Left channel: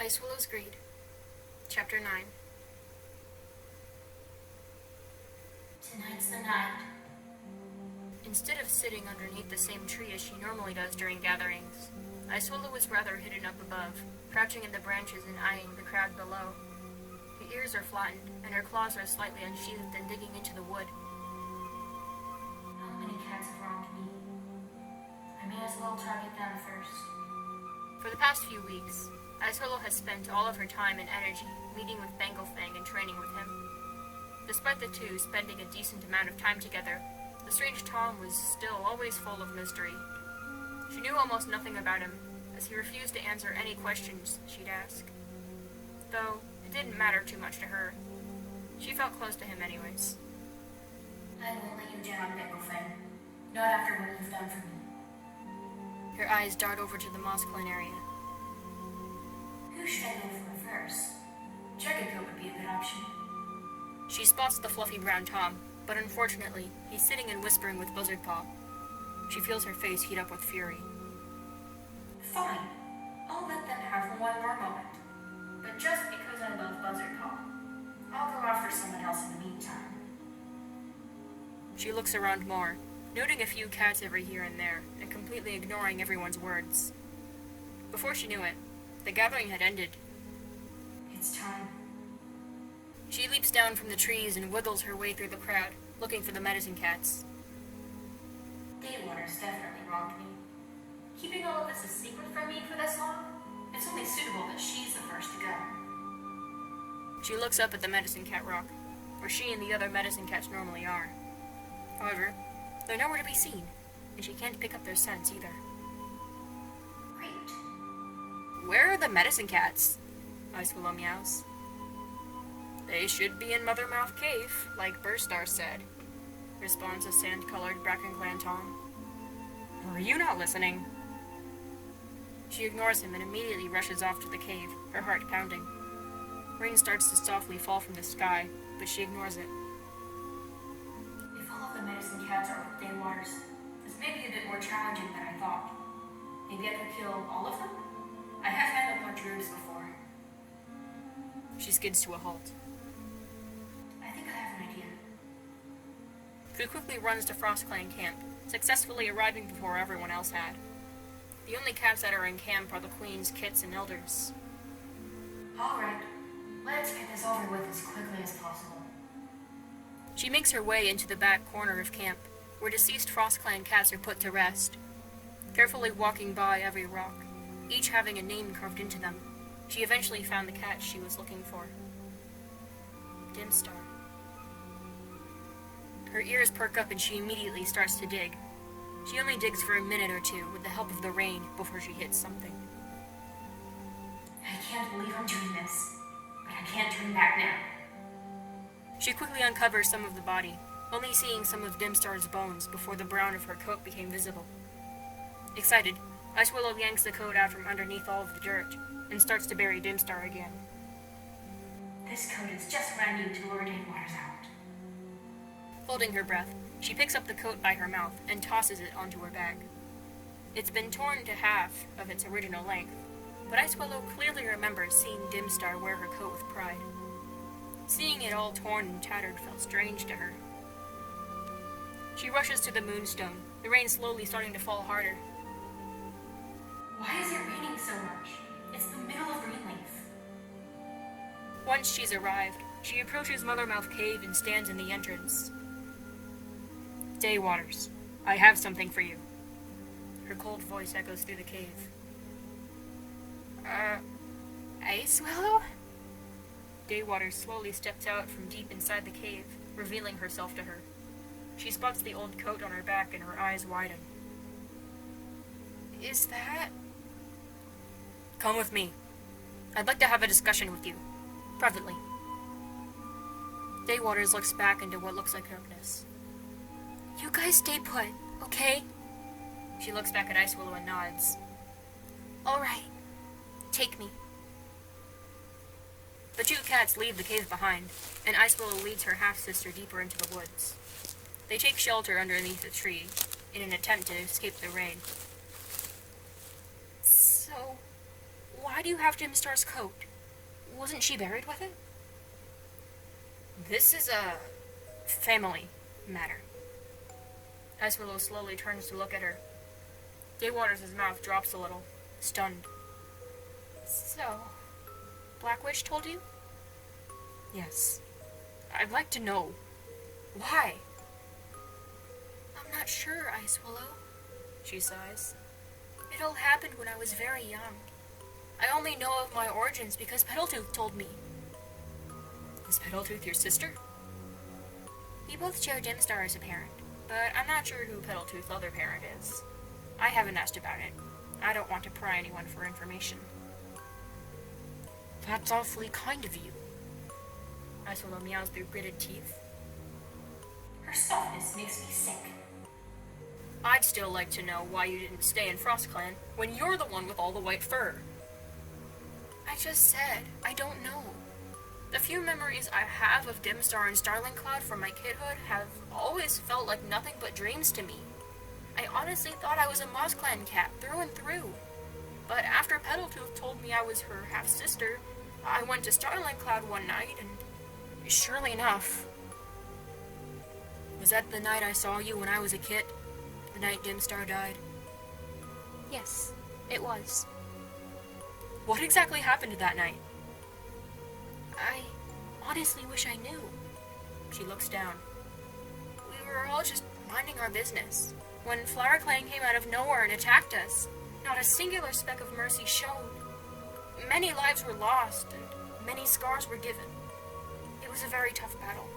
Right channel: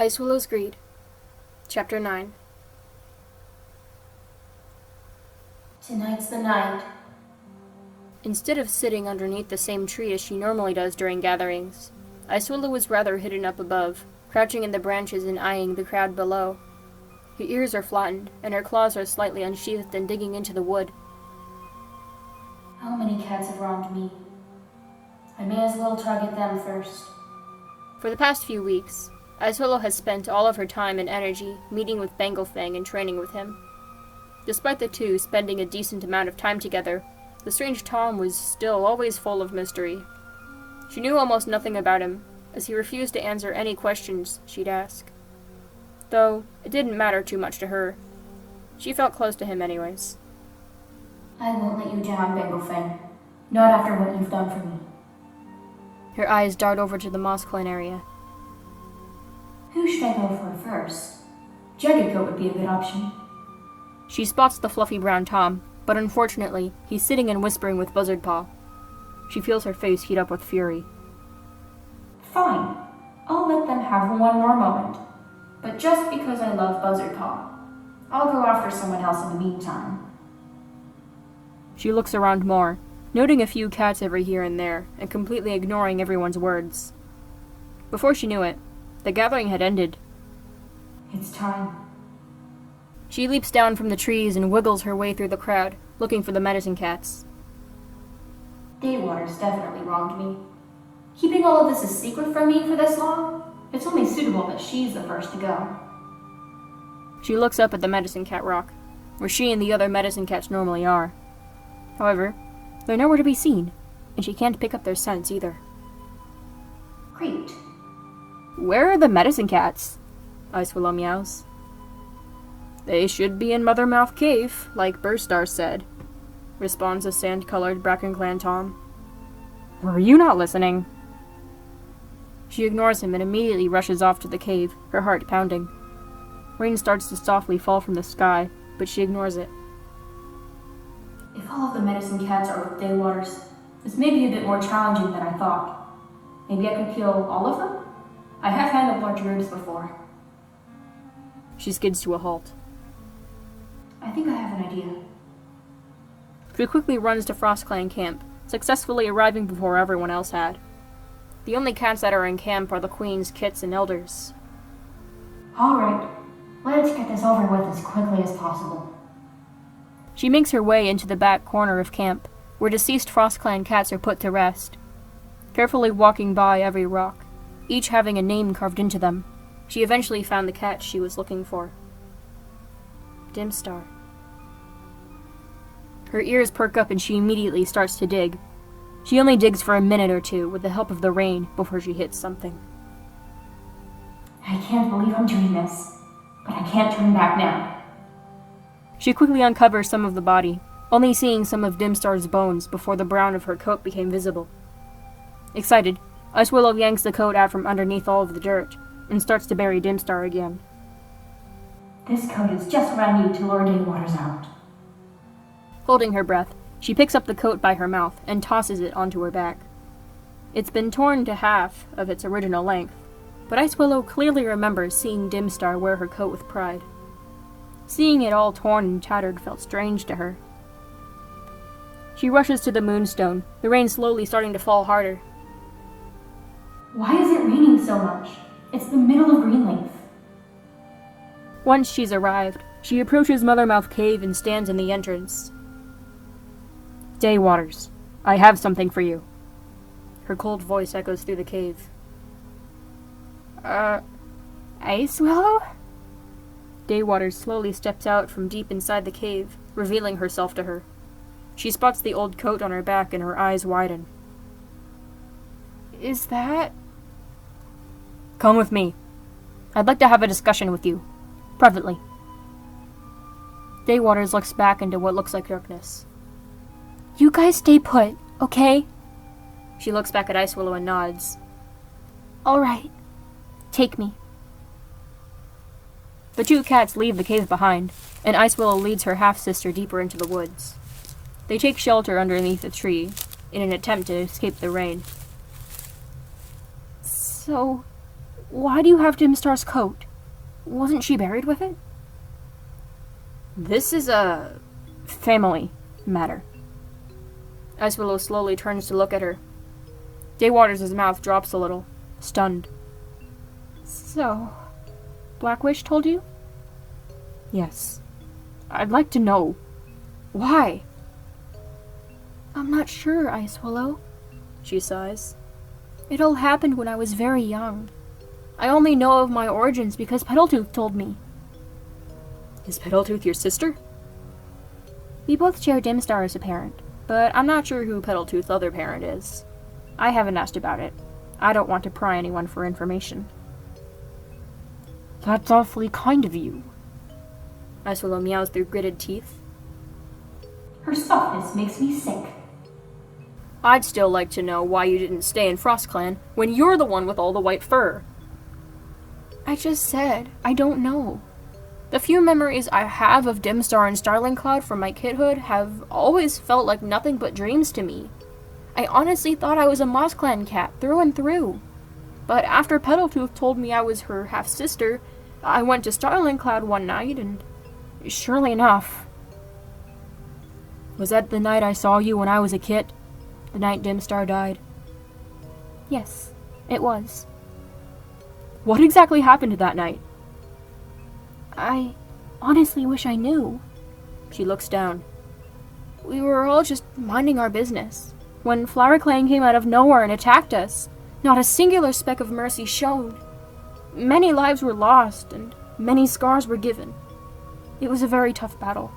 Icewillow's Greed, Chapter 9. Tonight's the night. Instead of sitting underneath the same tree as she normally does during gatherings, Icewillow was rather hidden up above, crouching in the branches and eyeing the crowd below. Her ears are flattened, and her claws are slightly unsheathed and digging into the wood. How many cats have wronged me? I may as well target them first. For the past few weeks, Icewillow has spent all of her time and energy meeting with Banglefang and training with him. Despite the two spending a decent amount of time together, the strange Tom was still always full of mystery. She knew almost nothing about him, as he refused to answer any questions she'd ask. Though, it didn't matter too much to her. She felt close to him anyways. I won't let you down, Banglefang. Not after what you've done for me. Her eyes dart over to the Moss Clan area. Who should I go for first? Jaggedcoat would be a good option. She spots the fluffy brown Tom, but unfortunately, he's sitting and whispering with Buzzardpaw. She feels her face heat up with fury. Fine. I'll let them have one more moment. But just because I love Buzzardpaw, I'll go after someone else in the meantime. She looks around more, noting a few cats every here and there, and completely ignoring everyone's words. Before she knew it, the gathering had ended. It's time. She leaps down from the trees and wiggles her way through the crowd, looking for the medicine cats. Daywater's definitely wronged me. Keeping all of this a secret from me for this long? It's only suitable that she's the first to go. She looks up at the medicine cat rock, where she and the other medicine cats normally are. However, they're nowhere to be seen, and she can't pick up their scents either. Great. Where are the medicine cats? Icewillow meows. They should be in Mothermouth Cave, like Burstar said, responds a sand-colored Bracken Clan Tom. Were you not listening? She ignores him and immediately rushes off to the cave, her heart pounding. Rain starts to softly fall from the sky, but she ignores it. If all of the medicine cats are with Daywaters, this may be a bit more challenging than I thought. Maybe I can kill all of them? I have handled large groups before. She skids to a halt. I think I have an idea. She quickly runs to Frost Clan camp, successfully arriving before everyone else had. The only cats that are in camp are the Queen's kits and elders. Alright, let's get this over with as quickly as possible. She makes her way into the back corner of camp, where deceased Frost Clan cats are put to rest. Carefully walking by every rock, each having a name carved into them, she eventually found the cat she was looking for. Dimstar. Her ears perk up and she immediately starts to dig. She only digs for a minute or two with the help of the rain before she hits something. I can't believe I'm doing this, but I can't turn back now. She quickly uncovers some of the body, only seeing some of Dimstar's bones before the brown of her coat became visible. Excited, Icewillow yanks the coat out from underneath all of the dirt, and starts to bury Dimstar again. This coat is just what I need to lure Daywaters out. Holding her breath, she picks up the coat by her mouth and tosses it onto her back. It's been torn to half of its original length, but Icewillow clearly remembers seeing Dimstar wear her coat with pride. Seeing it all torn and tattered felt strange to her. She rushes to the moonstone, the rain slowly starting to fall harder. Why is it raining so much? It's the middle of Greenleaf. Once she's arrived, she approaches Mothermouth Cave and stands in the entrance. Daywaters, I have something for you. Her cold voice echoes through the cave. Icewillow? Daywaters slowly steps out from deep inside the cave, revealing herself to her. She spots the old coat on her back and her eyes widen. Is that... Come with me. I'd like to have a discussion with you. Privately. Daywaters looks back into what looks like darkness. You guys stay put, okay? She looks back at Icewillow and nods. Alright. Take me. The two cats leave the cave behind, and Icewillow leads her half-sister deeper into the woods. They take shelter underneath a tree, in an attempt to escape the rain. So, Why do you have Dimstar's coat? Wasn't she buried with it? This is a family matter. Icewillow slowly turns to look at her. Daywaters' mouth drops a little, stunned. So, Blackwish told you? Yes. I'd like to know. Why? I'm not sure, Icewillow, she sighs. It all happened when I was very young. I only know of my origins because Petaltooth told me. Is Petaltooth your sister? We both share Dimstar as a parent, but I'm not sure who Petaltooth's other parent is. I haven't asked about it. I don't want to pry anyone for information. That's awfully kind of you. Icewillow meows through gritted teeth. Her softness makes me sick. I'd still like to know why you didn't stay in FrostClan when you're the one with all the white fur. I just said, I don't know. The few memories I have of Dimstar and Starlingcloud from my kidhood have always felt like nothing but dreams to me. I honestly thought I was a MozClan cat through and through. But after Petaltooth told me I was her half-sister, I went to Starlingcloud one night and surely enough. Was that the night I saw you when I was a kid? The night Dimstar died? Yes, it was. What exactly happened that night? I honestly wish I knew. She looks down. We were all just minding our business when FlowerClan came out of nowhere and attacked us. Not a singular speck of mercy showed. Many lives were lost and many scars were given. It was a very tough battle.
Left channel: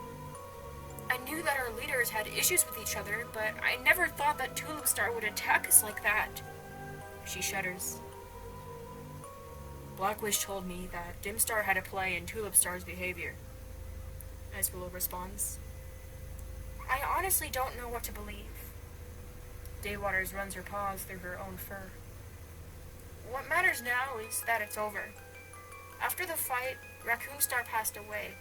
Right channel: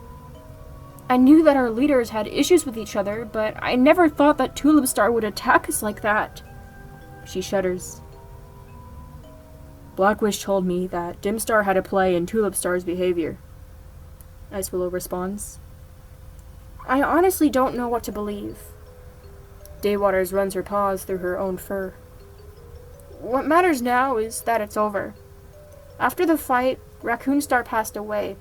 I knew that our leaders had issues with each other, but I never thought that Tulipstar would attack us like that. She shudders. Blackwish told me that Dimstar had a play in Tulipstar's behavior. Icewillow responds. I honestly don't know what to believe. Daywaters runs her paws through her own fur. What matters now is that it's over. After the fight, Raccoonstar passed away.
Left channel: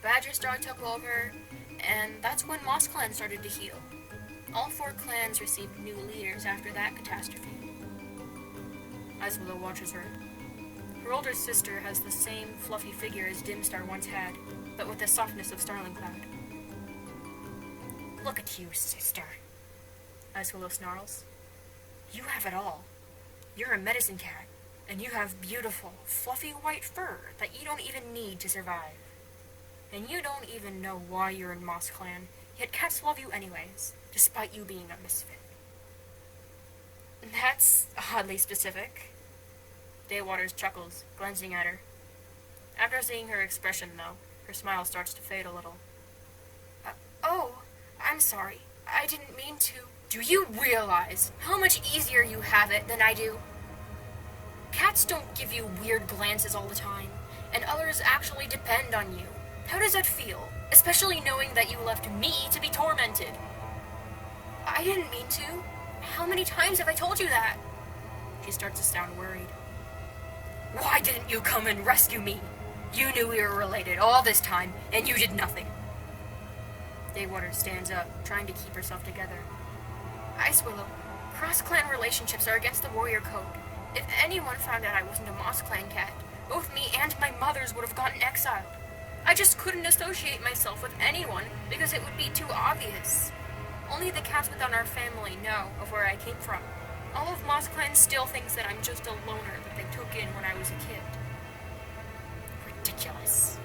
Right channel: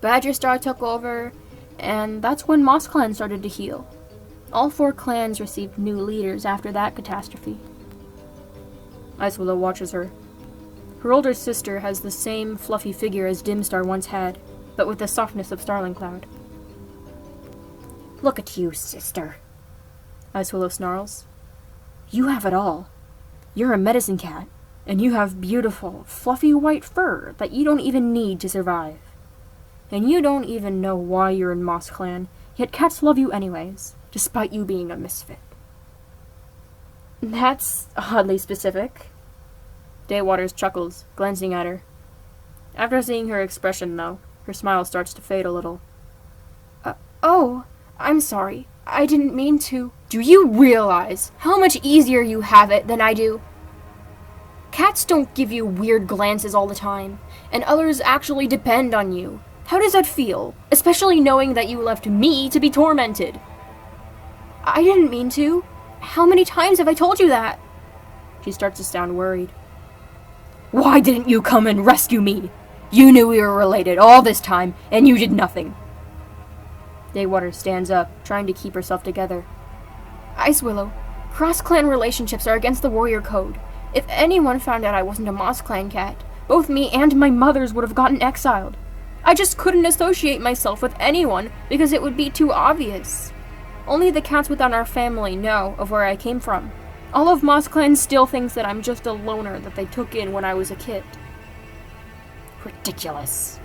Badgerstar took over, and that's when MozClan started to heal. All 4 clans received new leaders after that catastrophe. Icewillow watches her. Her older sister has the same fluffy figure as Dimstar once had, but with the softness of Starlingcloud. Look at you, sister, Icewillow snarls. You have it all. You're a medicine cat, and you have beautiful, fluffy white fur that you don't even need to survive. And you don't even know why you're in MozClan, yet cats love you anyways, despite you being a misfit. That's oddly specific. Daywaters chuckles, glancing at her. After seeing her expression, though, her smile starts to fade a little. Oh, I'm sorry. I didn't mean to. Do you realize how much easier you have it than I do? Cats don't give you weird glances all the time, and others actually depend on you. How does that feel? Especially knowing that you left me to be tormented. I didn't mean to. How many times have I told you that? She starts to sound worried. Why didn't you come and rescue me? You knew we were related all this time, and you did nothing. Daywaters stands up, trying to keep herself together. Icewillow, cross-clan relationships are against the warrior code. If anyone found out I wasn't a MozClan cat, both me and my mothers would have gotten exiled. I just couldn't associate myself with anyone because it would be too obvious. Only the cats within our family know of where I came from. All of MozClan still thinks that I'm just a loner that they took in when I was a kid. Ridiculous.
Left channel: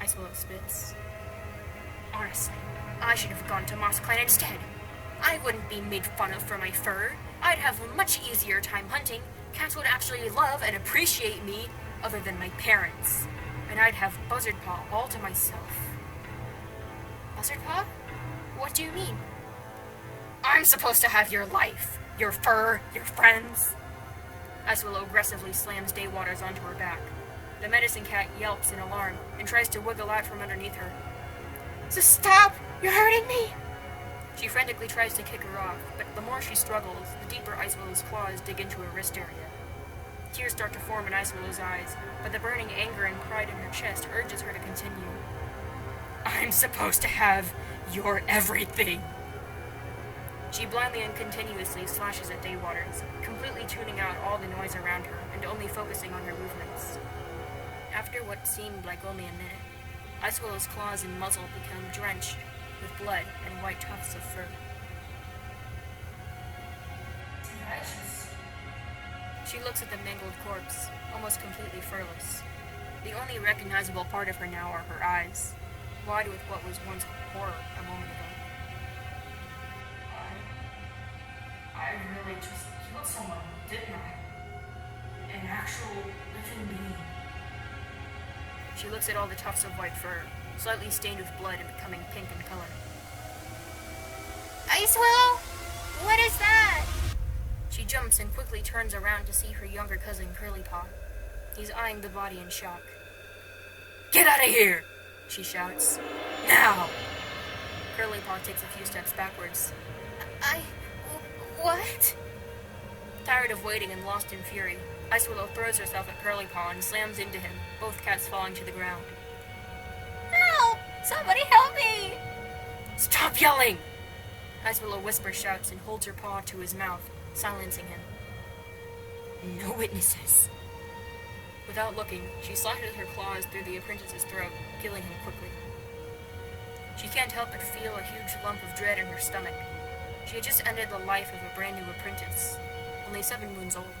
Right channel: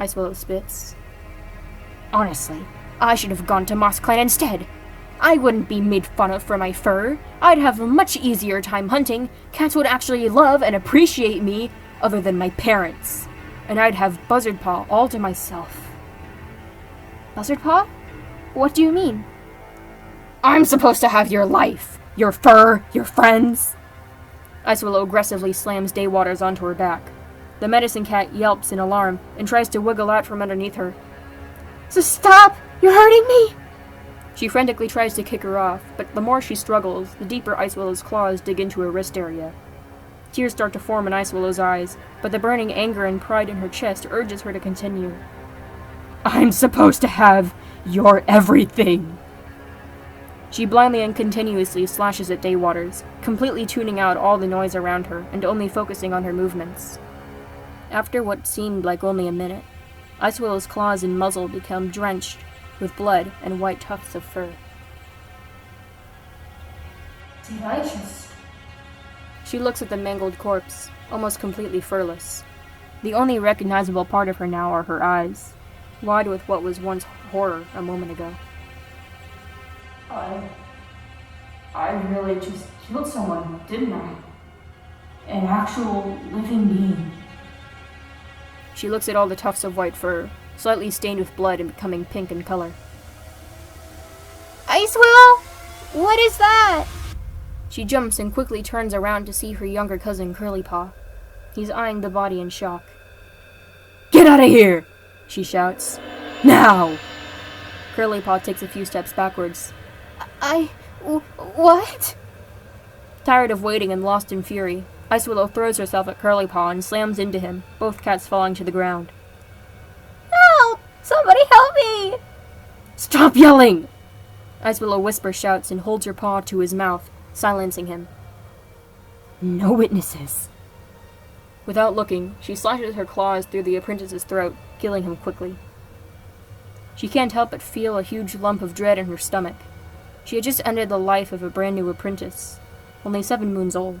Icewillow spits. Honestly, I should have gone to MozClan instead. I wouldn't be made fun of for my fur. I'd have a much easier time hunting. Cats would actually love and appreciate me, other than my parents. And I'd have Buzzardpaw all to myself. Buzzardpaw? What do you mean? I'm supposed to have your life, your fur, your friends. Icewillow aggressively slams Daywaters onto her back. The medicine cat yelps in alarm and tries to wiggle out from underneath her. So stop! You're hurting me! She frantically tries to kick her off, but the more she struggles, the deeper Icewillow's claws dig into her wrist area. Tears start to form in Icewillow's eyes, but the burning anger and pride in her chest urges her to continue. I'm supposed to have your everything. She blindly and continuously slashes at Daywaters, completely tuning out all the noise around her and only focusing on her movements. After what seemed like only a minute, Icewillow's claws and muzzle become drenched with blood and white tufts of fur. Did I just... She looks at the mangled corpse, almost completely furless. The only recognizable part of her now are her eyes, wide with what was once horror a moment ago. I really just killed someone, didn't I? An actual living being. She looks at all the tufts of white fur, slightly stained with blood and becoming pink in color. Icewillow? What is that? She jumps and quickly turns around to see her younger cousin Curlypaw. He's eyeing the body in shock. "Get out of here!" she shouts. "Now!" Curlypaw takes a few steps backwards. What? Tired of waiting and lost in fury, Icewillow throws herself at Curlypaw and slams into him, both cats falling to the ground. Help! Somebody help me! "Stop yelling!" Icewillow whisper shouts and holds her paw to his mouth, silencing him. "No witnesses." Without looking, she slashes her claws through the apprentice's throat, killing him quickly. She can't help but feel a huge lump of dread in her stomach. She had just ended the life of a brand new apprentice, only 7 moons old.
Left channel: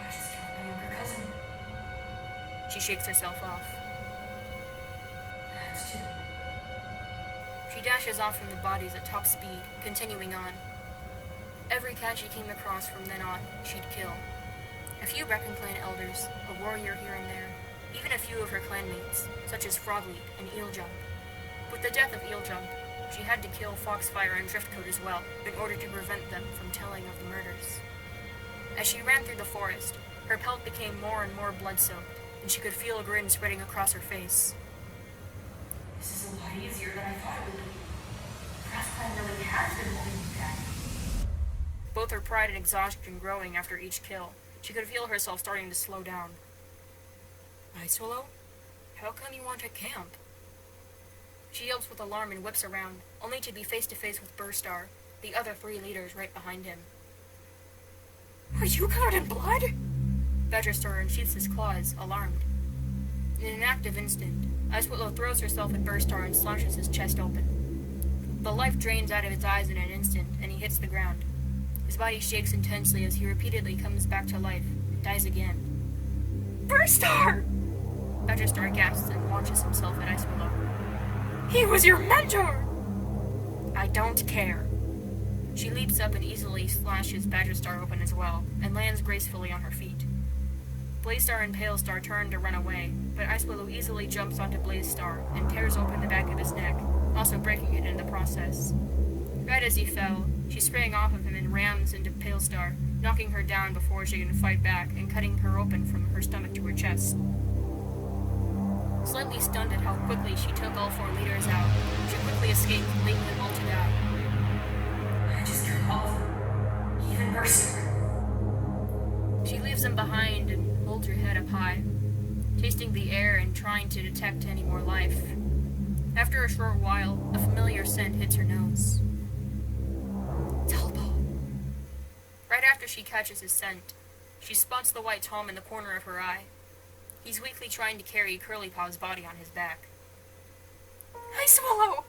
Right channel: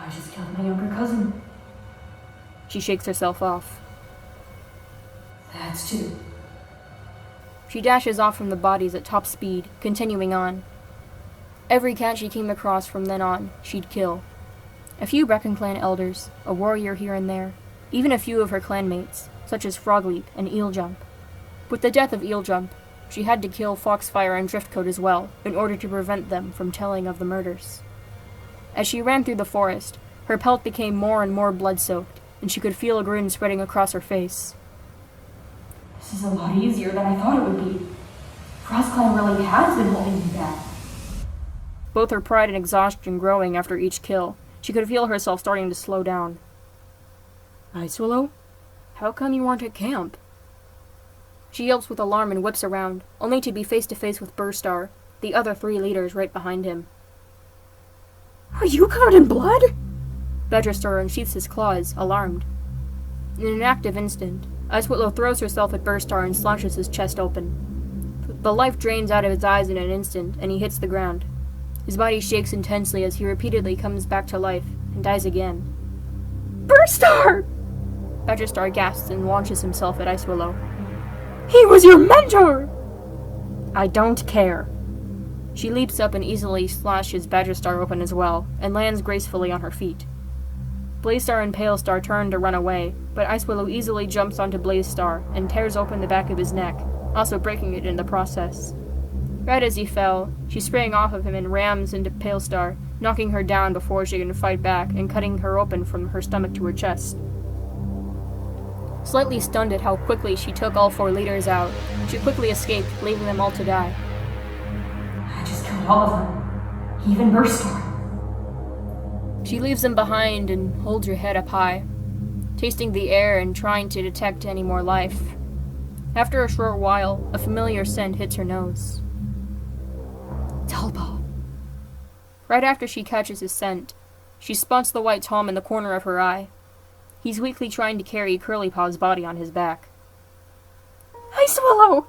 I just killed my younger cousin. She shakes herself off. That's 2. She dashes off from the bodies at top speed, continuing on. Every cat she came across from then on, she'd kill. A few Brecken clan elders, a warrior here and there, even a few of her clanmates, such as Frogleap and Eeljump. With the death of Eeljump, she had to kill Foxfire and Driftcoat as well, in order to prevent them from telling of the murders. As she ran through the forest, her pelt became more and more blood-soaked, and she could feel a grin spreading across her face. This is a lot easier than I thought it would be. Frost Clan really has been holding me back. Both her pride and exhaustion growing after each kill, she could feel herself starting to slow down. "Icewillow? How come you aren't at camp?" She yelps with alarm and whips around, only to be face to face with Burstar, the other 3 leaders right behind him. "Are you covered in blood?" Bedrestar unsheaths his claws, alarmed. In an active instant, Icewillow throws herself at Burstar and slashes his chest open. The life drains out of his eyes in an instant, and he hits the ground. His body shakes intensely as he repeatedly comes back to life, and dies again. "Burstar!" Bedrestar gasps and launches himself at Icewillow. "He was your mentor!" "I don't care." She leaps up and easily slashes Badgerstar open as well, and lands gracefully on her feet. Blazestar and Palestar turn to run away, but Icewillow easily jumps onto Blazestar and tears open the back of his neck, also breaking it in the process. Right as he fell, she sprang off of him and rams into Palestar, knocking her down before she can fight back and cutting her open from her stomach to her chest. Slightly stunned at how quickly she took all 4 leaders out, she quickly escaped, leaving them all to die. I just killed all of them. Even Burstar. She leaves them behind and holds her head up high, tasting the air and trying to detect any more life. After a short while, a familiar scent hits her nose. Talbot. Right after she catches his scent, she spots the white Tom in the corner of her eye. He's weakly trying to carry Curlypaw's body on his back. "Icewillow!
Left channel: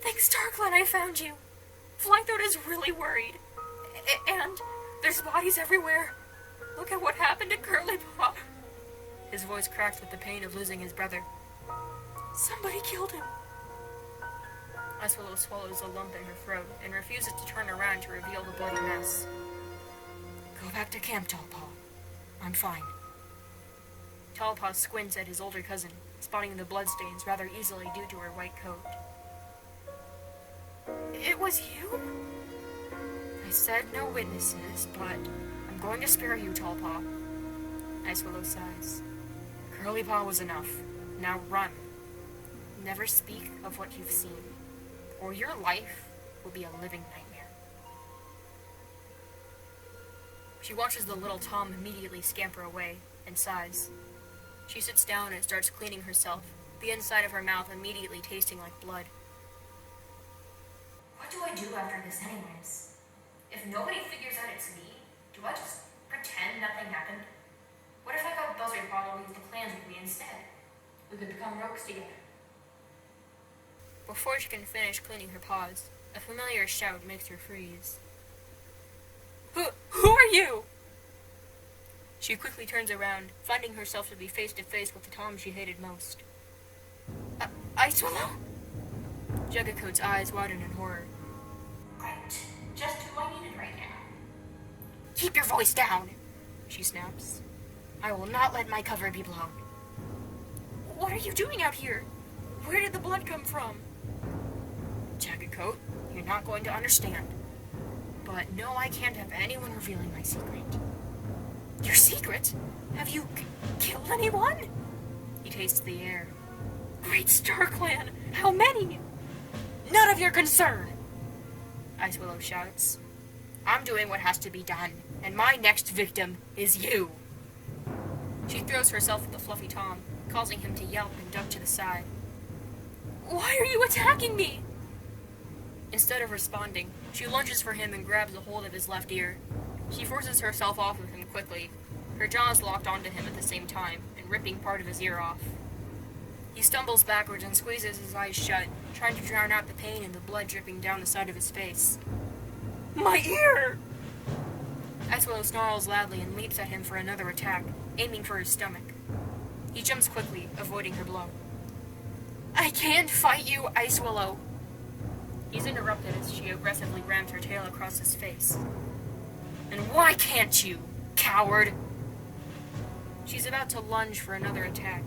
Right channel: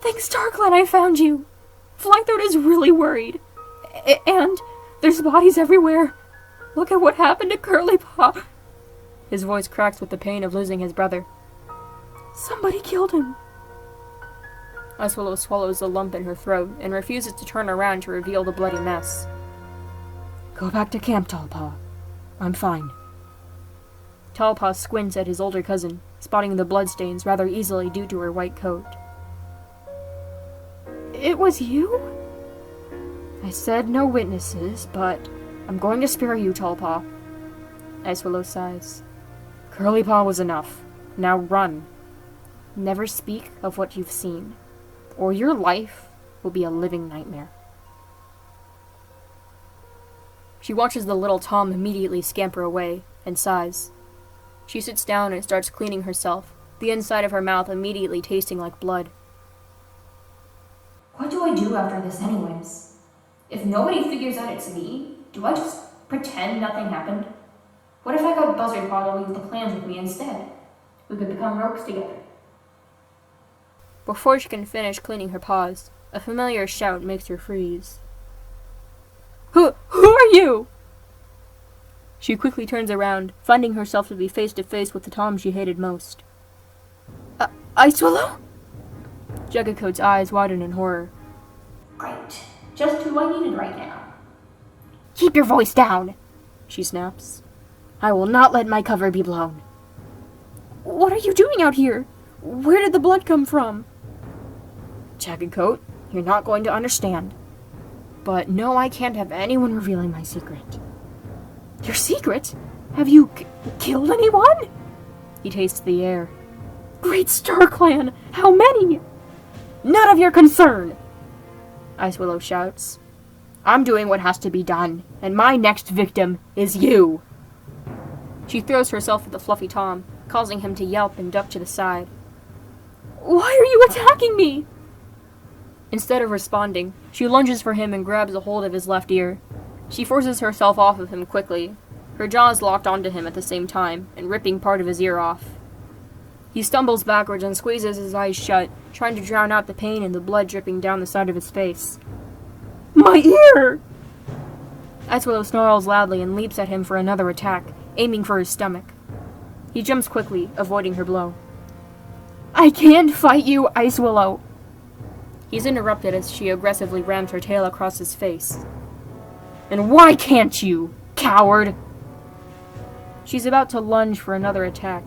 Thanks Darkland I found you! Flythroat is really worried. And there's bodies everywhere. Look at what happened to Curlypaw." His voice cracks with the pain of losing his brother. "Somebody killed him." Icewillow swallows the lump in her throat and refuses to turn around to reveal the bloody mess. "Go back to camp, Tallpaw. I'm fine." Tallpaw squints at his older cousin, spotting the bloodstains rather easily due to her white coat. "It was you?" "I said no witnesses, but I'm going to spare you, Tallpaw." Icewillow sighs. "Curlypaw was enough. Now run. Never speak of what you've seen, or your life will be a living nightmare." She watches the little Tom immediately scamper away, and sighs. She sits down and starts cleaning herself, the inside of her mouth immediately tasting like blood. What do I I do after this anyways? If nobody figures out it's me, do I just pretend nothing happened? What if I got Buzzard Paw to leave the clans with me instead? We could become rogues together. Before she can finish cleaning her paws, a familiar shout makes her freeze. Who are you? She quickly turns around, finding herself to be face to face with the Tom she hated most. Icewillow? Jaggedcoat's eyes widen in horror. Great. Just who I needed right now. Keep your voice down, she snaps. I will not let my cover be blown. What are you doing out here? Where did the blood come from? Jaggedcoat, you're not going to understand. But no, I can't have anyone revealing my secret. Your secret? Have you killed anyone? He tastes the air. Great Star Clan! How many? None of your concern! Icewillow shouts. I'm doing what has to be done, and my next victim is you. She throws herself at the fluffy Tom, causing him to yelp and duck to the side. Why are you attacking me? Instead of responding, she lunges for him and grabs a hold of his left ear. She forces herself off of him quickly, her jaws locked onto him at the same time, and ripping part of his ear off. He stumbles backwards and squeezes his eyes shut, trying to drown out the pain and the blood dripping down the side of his face. My ear! Icewillow snarls loudly and leaps at him for another attack, aiming for his stomach. He jumps quickly, avoiding her blow. I can't fight you, Icewillow! He's interrupted as she aggressively rams her tail across his face. And why can't you, coward? She's about to lunge for another attack,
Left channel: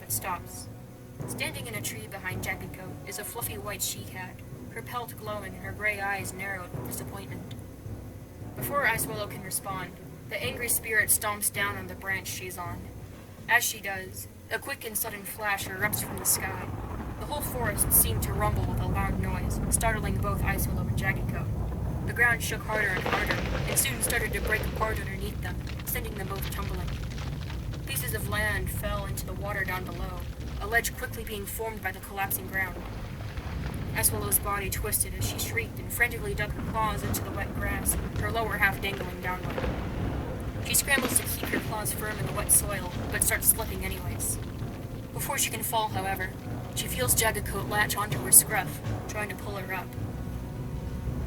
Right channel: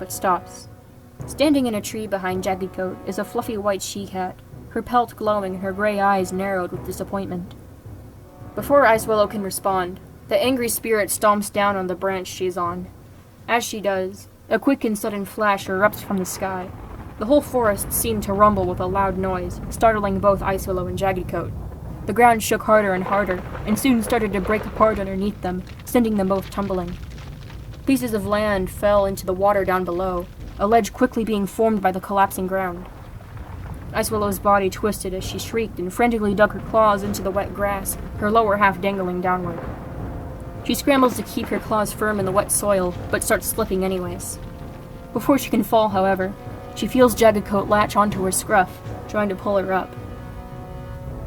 but stops. Standing in a tree behind Jaggedcoat is a fluffy white she-cat, her pelt glowing and her gray eyes narrowed with disappointment. Before Icewillow can respond, the angry spirit stomps down on the branch she's on. As she does, a quick and sudden flash erupts from the sky. The whole forest seemed to rumble with a loud noise, startling both Icewillow and Jaggedcoat. The ground shook harder and harder, and soon started to break apart underneath them, sending them both tumbling. Pieces of land fell into the water down below, a ledge quickly being formed by the collapsing ground. Icewillow's body twisted as she shrieked and frantically dug her claws into the wet grass, her lower half dangling downward. She scrambles to keep her claws firm in the wet soil, but starts slipping anyways. Before she can fall, however, she feels Jaggedcoat latch onto her scruff, trying to pull her up.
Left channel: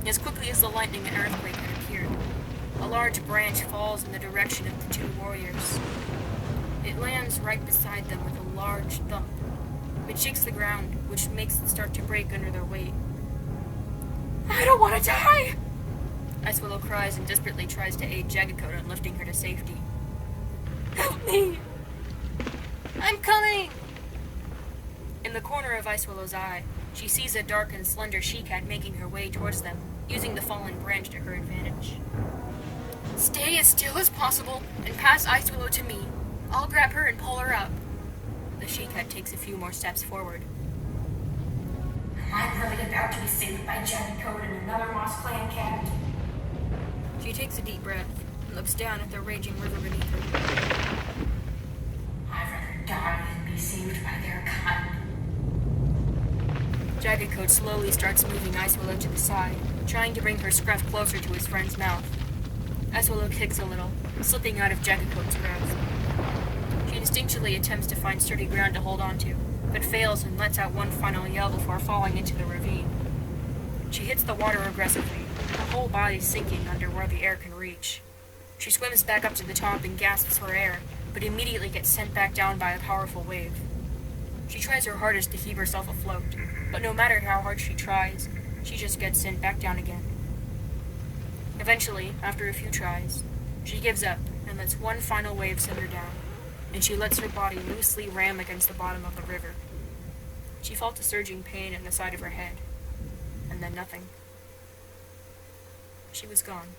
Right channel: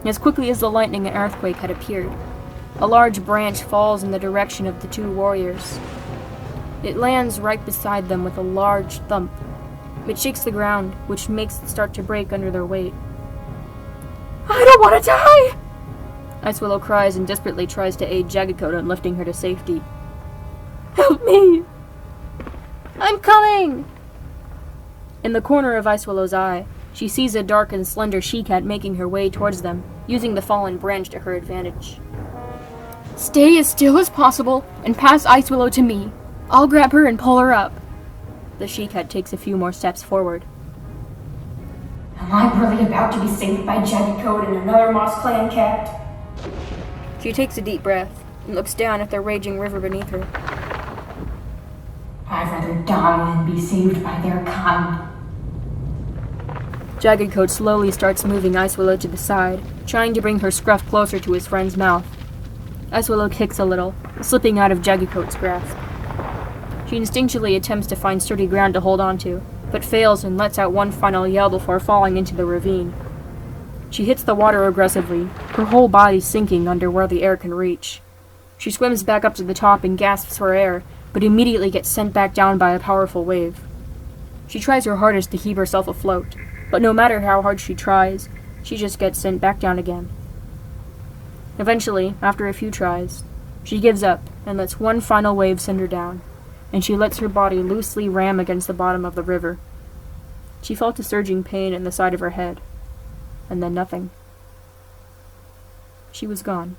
As quickly as the lightning and earthquake had appeared, a large branch falls in the direction of the two warriors. It lands right beside them with a large thump. It shakes the ground, which makes it start to break under their weight. I don't want to die! Icewillow cries and desperately tries to aid Jaggedcoat in lifting her to safety. Help me! I'm coming! In the corner of Icewillow's eye, she sees a dark and slender she-cat making her way towards them, using the fallen branch to her advantage. Stay as still as possible and pass Icewillow to me. I'll grab her and pull her up. The she-cat takes a few more steps forward. Am I really about to be saved by Jaggedcoat and another Moss Clan cat? She takes a deep breath and looks down at the raging river beneath her. I'd rather die than be saved by their kind. Jaggedcoat slowly starts moving Icewillow to the side, trying to bring her scruff closer to his friend's mouth. Icewillow kicks a little, slipping out of Jaggedcoat's grasp. She instinctually attempts to find sturdy ground to hold onto, but fails and lets out one final yell before falling into the ravine. She hits the water aggressively, her whole body sinking under where the air can reach. She swims back up to the top and gasps for air, but immediately gets sent back down by a powerful wave. She tries her hardest to keep herself afloat, but no matter how hard she tries, she just gets sent back down again. Eventually, after a few tries, she gives up and lets one final wave send her down, and she lets her body loosely ram against the bottom of the river. She felt a surging pain in the side of her head, and then nothing. She was gone.